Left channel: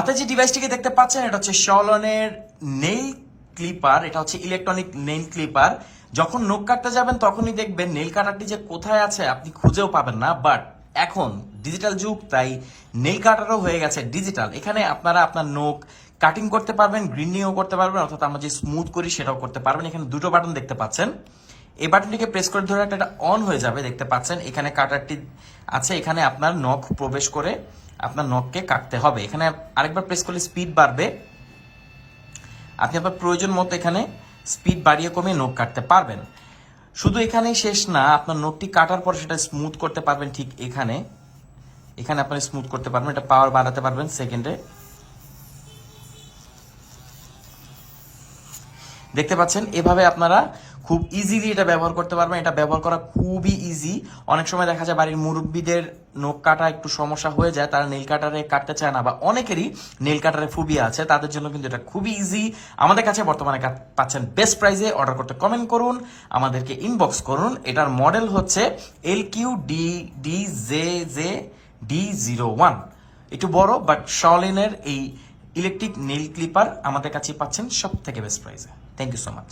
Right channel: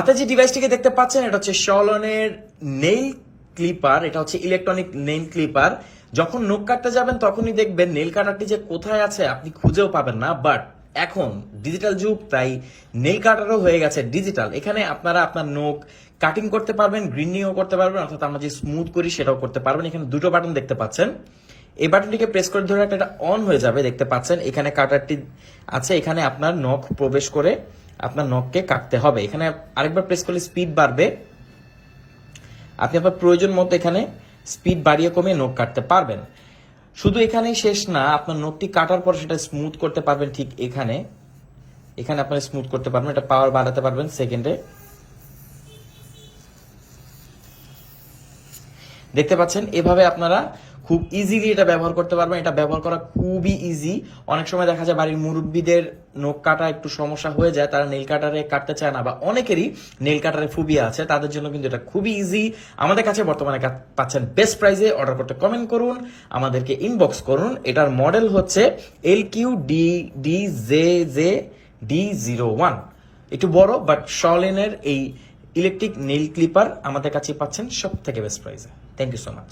হাতে যে ডিভাইসটিকে দেখতে পাচ্ছেন এটা হচ্ছে শলনের নেইল ক্লিপার। এটা হচ্ছে ইলেকট্রনিক নেইল ক্লিপার। যখন নখ কাটতে যাবেন তখনই দেখবেন নেইল কাটারটি যে কোথায় আছে আপনি খুঁজেও পাবেন না। বাট এখন ডিজিটাল যুগ, তাই নেইল কাটারও হয়ে গেছে ডিজিটাল। এখানে আপনারা আপনার নখ কাটিং করতে পারবেন, গ্রিনিংও করতে পারবেন, অর্থাৎ আমরা যে স্মুথ করি সেটাও করতে পারবেন। এখানে দুটো বাটন দেখতে পাচ্ছেন। এই বাটনটিকে প্রেস করে ধরে একটা অন হয়ে যাবে, দেখতে পাচ্ছেন। এখানে কাটারটি আছে, এখানে আপনার নখ প্রবেশ করে আপনার নখকে কাটতে হবে। এখানে আরেকবার প্রেস করলে স্পিড বাড়বে। আপনি আপনার প্রয়োজন মতো এখানে স্পিড বাড়িয়ে কমিয়ে নখ কাটতে পারবেন। শুধু এখানেই শেষ না, আপনার নখটি কাটার পর সেটা স্মুথ করতে পারবেন। ঠিক এখানে এখানে আপনারা স্মুথ করতে পারবেন, এটা পাওয়ার বাড়াতে পারবেন সেকেন্ডে। দেখতে পাচ্ছেন এভাবে আপনারা খুব ইজিলি এটা ব্যবহার করতে পারবেন। এটা ব্যবহার করা খুবই ইজি। অনেক সময় দেখা যায় বাড়ির মুরব্বীদের নখ কাটা একটু সমস্যা হয়ে যায়, তারা নেল কাটারে কাটতে চায় না, বা অনেকেরই নেল কাটারে ফোবিয়া আছে, তাদের জন্য কিন্তু এটা খুবই ইজি। আমাদের কাছে বর্তমানে পাচ্ছেন বেস্ট প্রাইসে। অর্ডার করতে কমেন্ট করুন, আমাদেরকে ইনবক্স করুন। এটার মডেল হচ্ছে LQDDJJD01। একটু বড়, বাট শলেনের এই ইলেকট্রিক নেল ক্লিপার আমাদের কাছে পাচ্ছেন সব থেকে বেস্ট প্রাইসে। Thank you so much.